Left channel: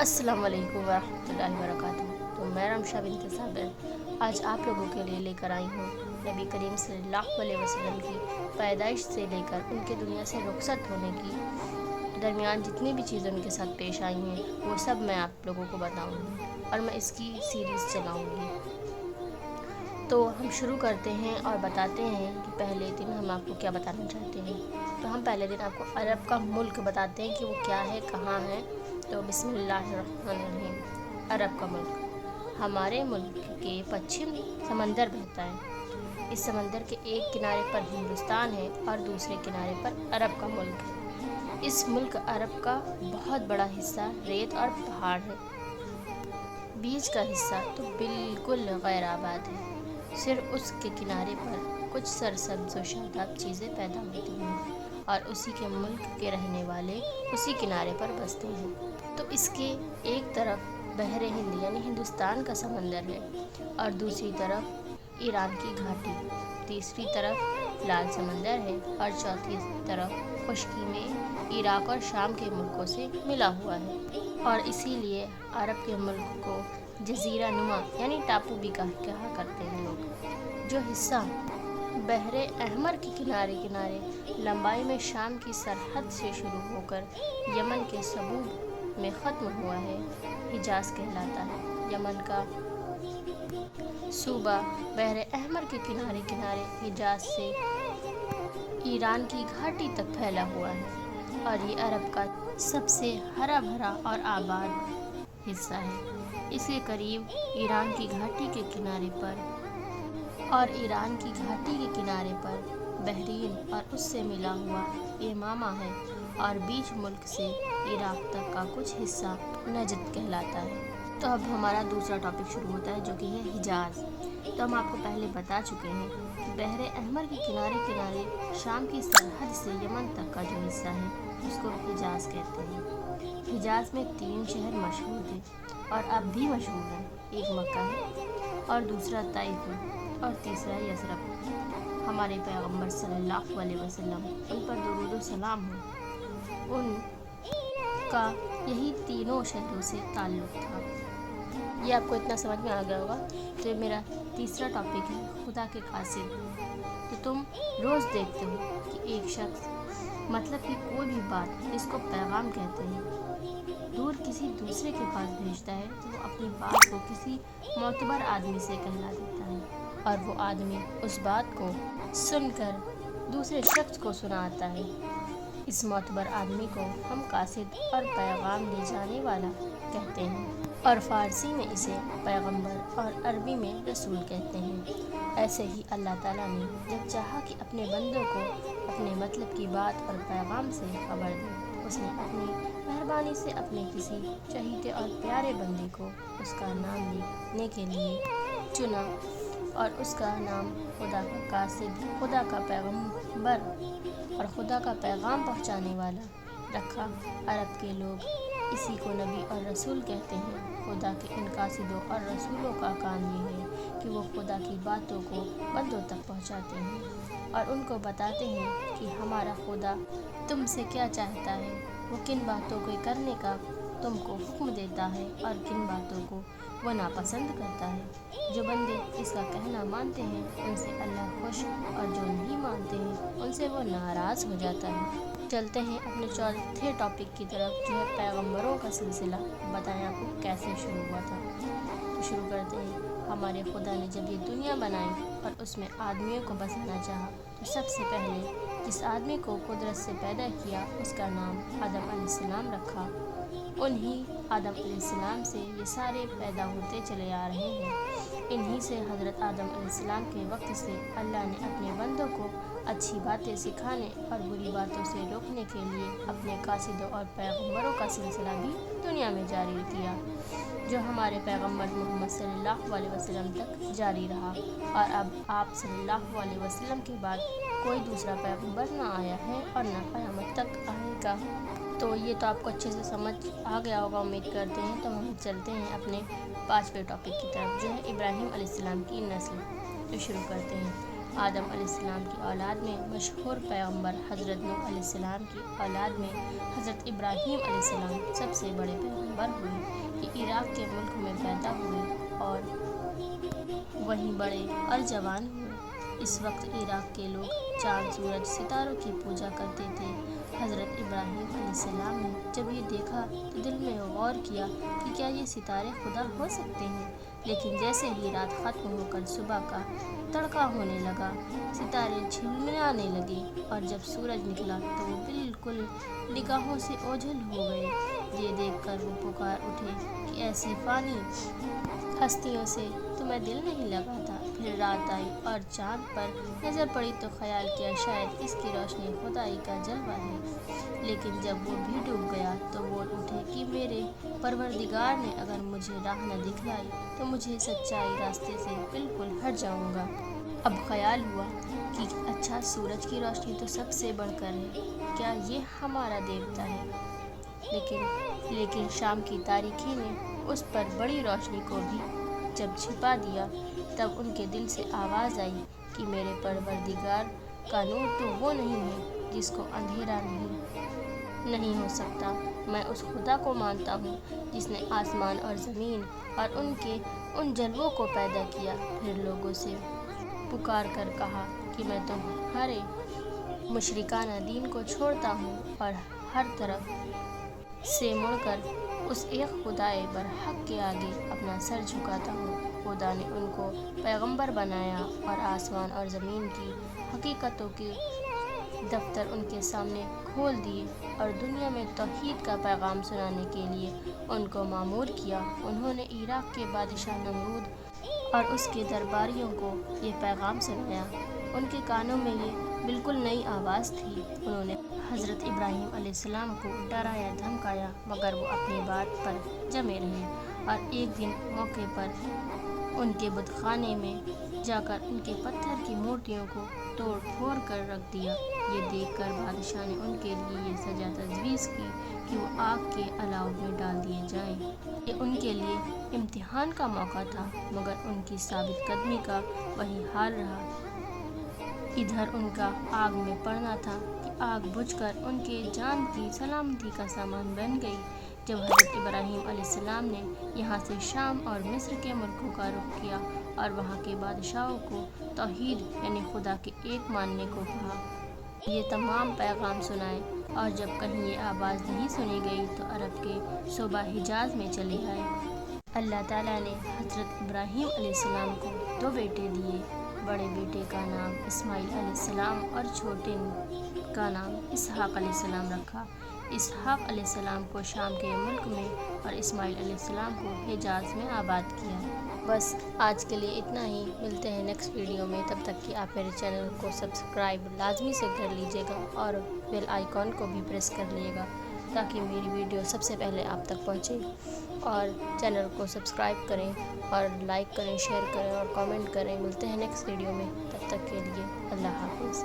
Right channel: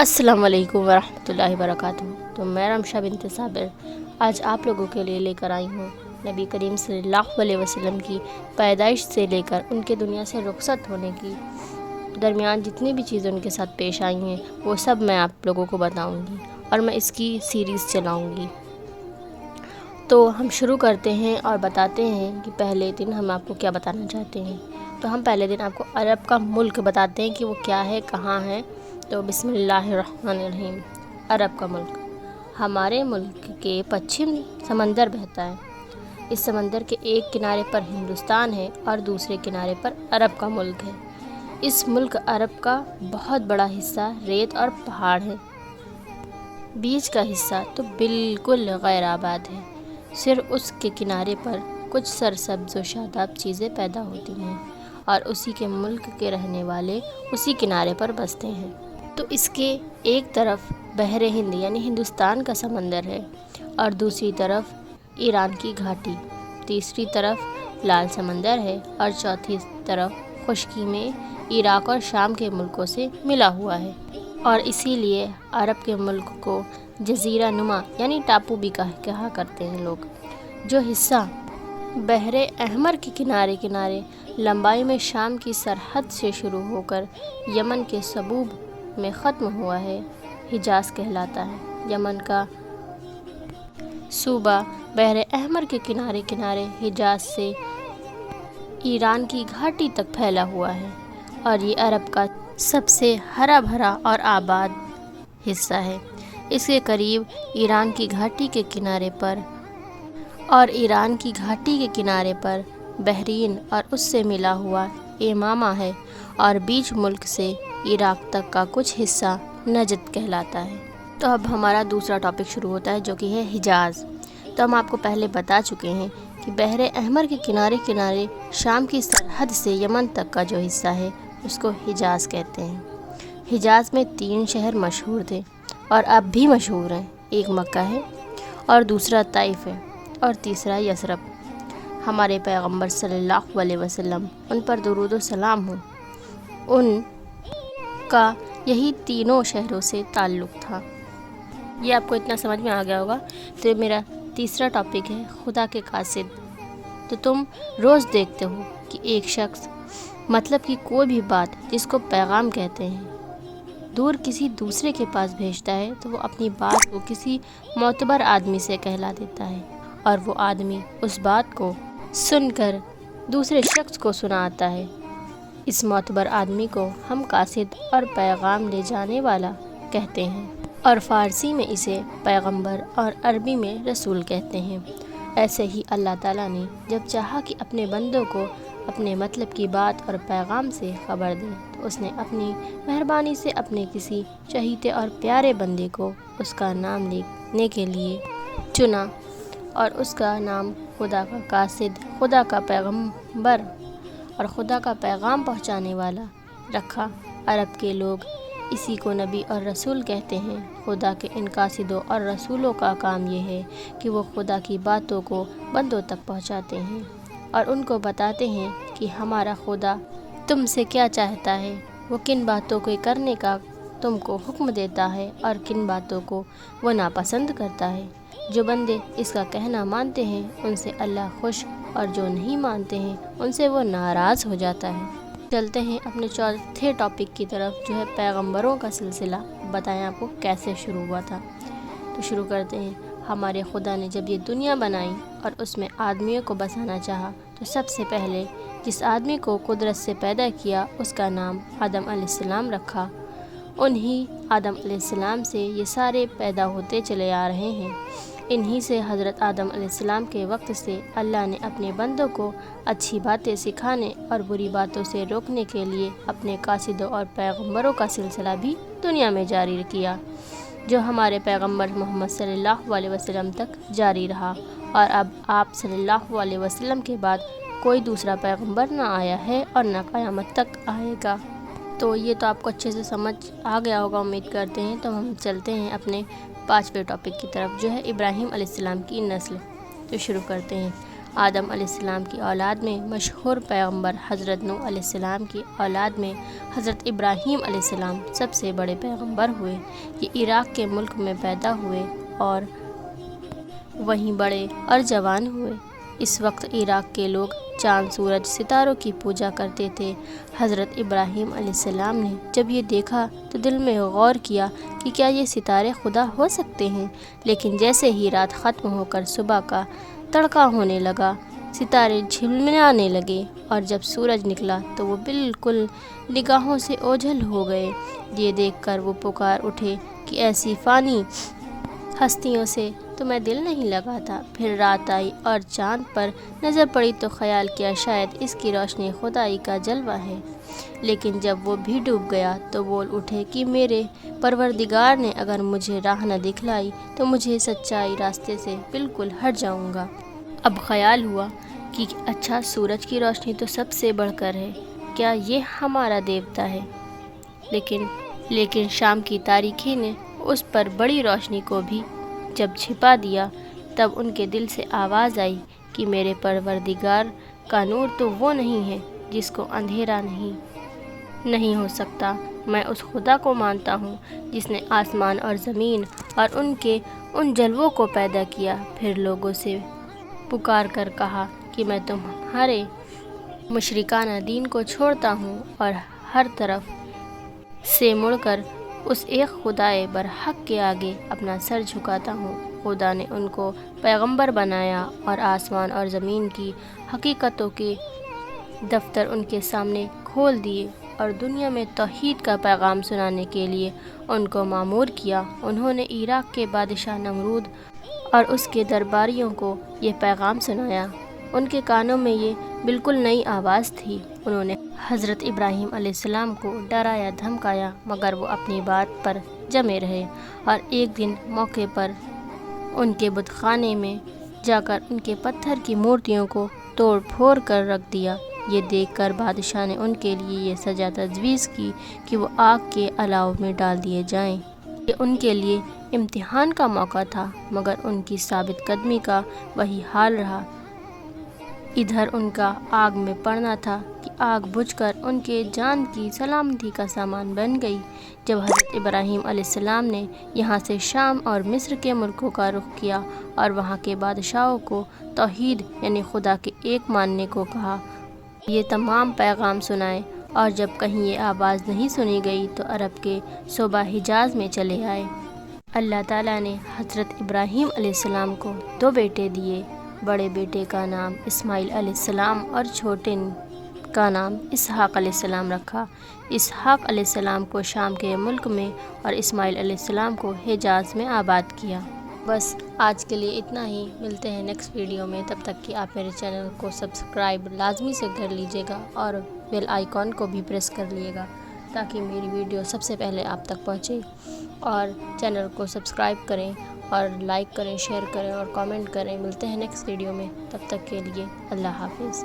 السلام علیکم ورحمۃ اللہ وبرکاتہ۔ تو میں رمشہ بنت صابر آج آپ لوگوں کے لیے لے کر آئی ہوں نبی کریم صلی اللہ علیہ وسلم کی پیدائش سے لے کر ان کے دنیا سے رخصت ہونے کی درمیان جتنی بھی چیزیں ان کے ساتھ پیش آئی ہیں وہ سب میں آپ لوگوں کو بتاؤں گی اور میں اس کی سیریز چلاؤں گی۔ تو ہم شروع کرتے ہیں اور بتاتے ہیں کہ پہلے دن ہم آپ کو کیا بتانا چاہتے ہیں۔ تو ہم پہلے دن آپ کو عرب کا ملک بتاتے ہیں کہ وہ کیا ہے، کہاں ہے۔ تو بسم اللہ الرحمن الرحیم۔ عرب کا ملک ہمارے ملک کے پچھم سمندر بہتا ہے۔ اس سمندر کے ایک کنارے پر ہندوستان ہے اور دوسرے کنارے پر عرب کا ملک ہے۔ اس ملک عرب کا بہت بڑا حصہ ریت اور پہاڑ ہے۔ بیچ کا حصہ تو بالکل غیر آباد ہے، صرف اس کے کنارے پر کچھ سرسبز و شاداب چیزیں پیدا ہوتی ہیں اور اسی کے ملک کے رہنے والے اسی کنارے پر بستے ہیں۔ تو اس کے ایک طرف بحر ہند یعنی ہندوستان کا سمندر ہے اور دوسری طرف ایران کی گھاٹی، تیسری طرف لال سمندر ہے اور چوتھی طرف خشکی میں عراق اور شام کے ملکوں سے ملا ہوا ہے۔ اور اسی لیے عرب کے ملک کو جزیرہ نما یعنی ٹاپو بھی کہا کرتے ہیں لوگ۔ جو حصہ بحر احمر کے کنارے لمبائی میں شام کی سرحد سے شروع ہو کر یمن کے صبوب میں ختم ہوا ہے، حجاز کہلاتا ہے۔ یمن کا صوبہ بحر احمر کے کنارے حجاز سے ایران کی گھاٹی تک پھیلا ہوا ہے اور یہ عرب کا سب سے ہرا بھرا اور آباد حصہ ہے۔ اس کے قریب ایران کی گھاٹی کے کنارے پر بحرین اور اس سے ملا ہوا یمامہ ہے اور بیچ ملک سے عراق تک کا کچھ حصہ نجد کہلاتا ہے۔ تو اب ہمارا دوسرا ٹاپک شروع ہوتا ہے جو کہ ہے حجاز۔ تو ہم آپ کو پہلے بتا چکے ہیں کہ بحر احمر کے کنارے شام کی سرحد سے یمن تک کا جو حصہ ہے اس کو حجاز کہتے ہیں۔ حجاز میں 3 شہر مشہور تھے اور اب بھی مشہور ہیں، ایک مکہ ہے اور دوسرا طائف ہے اور تیسرا یثرب۔ ہمارے پیغمبر صلی اللہ علیہ وسلم ان پر درود و سلام ہو، ان کا یہی تینوں شہروں سے تعلق تھا۔ یہ آپ کو اتنا سمجھ میں آ گیا ہوگا۔ تو میرا تیسرا ٹاپک ہے خدا کے قاصد۔ تو تم روز دیکھتے ہو کہ ایک شخص مطلب کہ کوئی بھی بات جس کو پیغام کہتے ہیں دور کسی دوسرے کے پاس بھیجتا ہے تو وہ اپنی بات کو کسی معتبر آدمی سے کہلا دیتا ہے اور وہ آدمی اس بات کو سن کر دوسرے شخص کو سناتا ہے۔ اس معتبر آدمی کو ہم قاصد اور پیغام لے جانے والا کہتے ہیں اور فارسی میں اسے پیغمبر اور عربی میں رسول کہتے ہیں۔ ایسے ہی اللہ تعالیٰ نے جب چاہا کہ اپنے بندوں کو اپنے مطلب کی بات اور پیغام سے خبر دے تو اس نے اپنی مہربانی سے اپنے کسی چہیتے اور پیارے بندے کو اس کا نام لینے کے لیے چنا اور اس کا نام خدا کا قاصد، خدا کا پیغمبر اور خدا کا پیغام پہنچانے والا رکھا۔ عرب کے لوگ اسی کو نبی اور رسول کہتے ہیں۔ خدا کے ان قاصدوں اور رسولوں کا کام یہ ہے کہ وہ خدا کی باتوں کو بندوں تک پہنچاتے ہیں اور ان کو بتاتے ہیں کہ ہمارا خدا تم سے کیا چاہتا ہے، وہ کن باتوں کو کرنے کا تم کو حکم دیتا ہے اور کن باتوں کو وہ ناپسند کرتا ہے۔ جو بندے اس کا کہنا مانتے ہیں ان سے اللہ خوش اور جو نہیں مانتے ہیں ان سے وہ ناراض ہو جاتا ہے۔ چلتے ہیں اپنے چوتھے ٹاپک کی طرف جو ہے پیغمبروں کا سلسلہ۔ بتائیں آپ کو کیسے شروع ہوا تھا۔ تو شروع کرتے ہیں۔ ہمارے خدا نے جب یہ دنیا بنائی اور اس میں آدمیوں کو بسانا چاہا تو سب سے پہلے جس آدمی کو قدرت سے پیدا کیا اس کا نام آدم علیہ السلام رکھا۔ انہی آدم علیہ السلام سے یہ سارے پیدا ہوتے چلے آ رہے ہیں۔ انہی سے حضرت آدم علیہ السلام کے وقت سے اللہ نے اپنے بندوں کو اچھی باتیں سکھانے اور بری باتوں سے روکنے کے لیے اپنے قاصدوں اور پیغمبروں کا سلسلہ بھی دنیا میں جاری کیا، جو ہمارے پیغمبر محمد صلی اللہ علیہ وسلم تک جاری رہا اور اب آپ صلی اللہ علیہ وسلم کے بعد کوئی دوسرا پیغمبر نہ آیا ہے اور نہ قیامت تک آئے گا۔ تو یہ تو آپ کو اچھے سے سمجھ آ گیا ہوگا امید کرتے ہیں۔ تو ہم چلتے ہیں اپنے 5ویں ٹاپک کی طرف جو ہے ابراہیم علیہ السلام کی نسل۔ تو شروع کرتے ہیں۔ آدم علیہ السلام کی اولاد میں مشہور پیغمبر حضرت نوح علیہ السلام کی اولاد میں حضرت ابراہیم علیہ السلام سب سے بڑے پیغمبر ہوئے۔ یہ عراق کے ملک میں پیدا ہوئے اور وہیں بڑے اور جوان ہوئے۔ اس وقت عراق کے لوگ چاند، سورج، ستاروں کی پوجا کرتے تھے۔ حضرت ابراہیم علیہ السلام نے جب یہ دیکھا تو دل میں غور کیا کہ کیا یہ ستارے خدا ہو سکتے ہیں؟ لیکن جیسے ہی رات ختم ہو کر صبح کا تڑکا ہونے لگا، ستارے جھلملانے لگے اور جب سورج نکلا تو وہ بالکل نگاہوں سے اوجھل ہو گئے۔ یہ دیکھ کر وہ پکار اٹھے کہ ایسی فانی ہستیوں سے تو میں دل نہیں لگاتا۔ پھر رات آئی اور چاند پر نظر پڑی تو خیال کیا شاید اس کی روشنی خدائی کا جلوہ ہے، لیکن جب وہ بھی ڈوب گیا تو بول اٹھے کہ میرے پروردگار نے اگر مجھے راہ نہ دکھلائی تو مجھے سچائی راستے سے بالکل ہٹ جاؤں گا۔ اب خیال ہوا کہ اچھا، سورج کی روشنی تو سب سے بڑھ کر ہے، کیا یہ ہمارا دیوتا ہے؟ لیکن شام کی تاریکی نے اس پر بڑی روشنی کو بھی جب چھپا دیا، تب ان کے دل سے آواز آئی کہ میرے پروردگار کا نور تو وہ نہیں ہے جس کو اندھیرا نہیں ہو سکتا۔ میں اس خدا کو مانتا ہوں جس نے آسمان اور زمین اور ان جلووں کو پیدا کیا۔ پھر لوگوں سے پکار کر کہا کہ میں تمہارے مشرکانہ دین کو چھوڑتا ہوں اور ہر طرف سے مڑ کر اس ایک خدائے برحق کے آگے اپنا سر جھکاتا ہوں۔ خدا نے ان کو پیغمبر بنایا اور آسمان اور زمین کی حقیقتوں کے دفتر ان کے سامنے کھول دیے اور دنیا میں توحید کا پیغام سنانے کے لیے ان کو مامور کیا۔ انہوں نے عراق کے بادشاہ نمرود اور اس کے درباریوں کو یہ پیغام سنایا۔ ان کے کانوں میں یہ بالکل نئی آواز تھی۔ انہوں نے حضرت ابراہیم علیہ السلام کو ڈرایا دھمکایا، مگر وہ اپنی بات پر جمے رہے اور ایک دن موقع پر ان کے بت خانے میں جا کر ان کے پتھر کی مورتیوں کو توڑ پھوڑ کر رکھ دیا۔ یہ دیکھ کر بادشاہ نے ان کے لیے یہ سزا تجویز کی کہ وہ آگ کے الاؤ میں ڈال دیے جائیں۔ یہ ان کے لیے امتحان کا موقع تھا، مگر ان کی ثابت قدمی کا وہی حال رہا۔ ادھر ان کا آگ میں پڑنا تھا کہ آگ بجھ کر ان کے جان کی سلامتی کا سامان بن گئی۔ جب حضرت ابراہیم علیہ السلام نے یہاں سے شام اور مصر کے ملکوں کا رخ کیا اور وہاں کے بادشاہوں کو توحید یعنی خدا کے ایک ماننے کو کہا، یہ تمام پیغام سنائے، اور جب کہیں یہ آواز نہیں سنی گئی تو عرب کے صوبہ حجاز میں چلے آئے۔ اللہ تعالیٰ نے حضرت ابراہیم علیہ السلام کو 2 بیٹے دیے۔ بڑے بیٹے کا نام اسماعیل علیہ السلام اور چھوٹے کا نام اسحاق علیہ السلام رکھا۔ اسحاق علیہ السلام کو شام کے ملک میں اور اسماعیل علیہ السلام کو حجاز میں آباد کیا۔ بس آج کے لیے اتنا ہی، ملتے ہیں نیکسٹ ویڈیو میں۔ تب تک کہ آپ میرے چینل کو سبسکرائب لازمی سے کر لیجیے گا اور بیل آئیکن کو بھی پریس کر لیے گا تاکہ میری ویڈیو سب سے پہلے آپ تک پہنچے۔ اور چینل کو سبسکرائب کریں اور لائک کریں، شیئر کریں اور کامنٹ کریں۔ ملتے ہیں نیکسٹ ویڈیو میں، تب تک کے لیے اللہ حافظ۔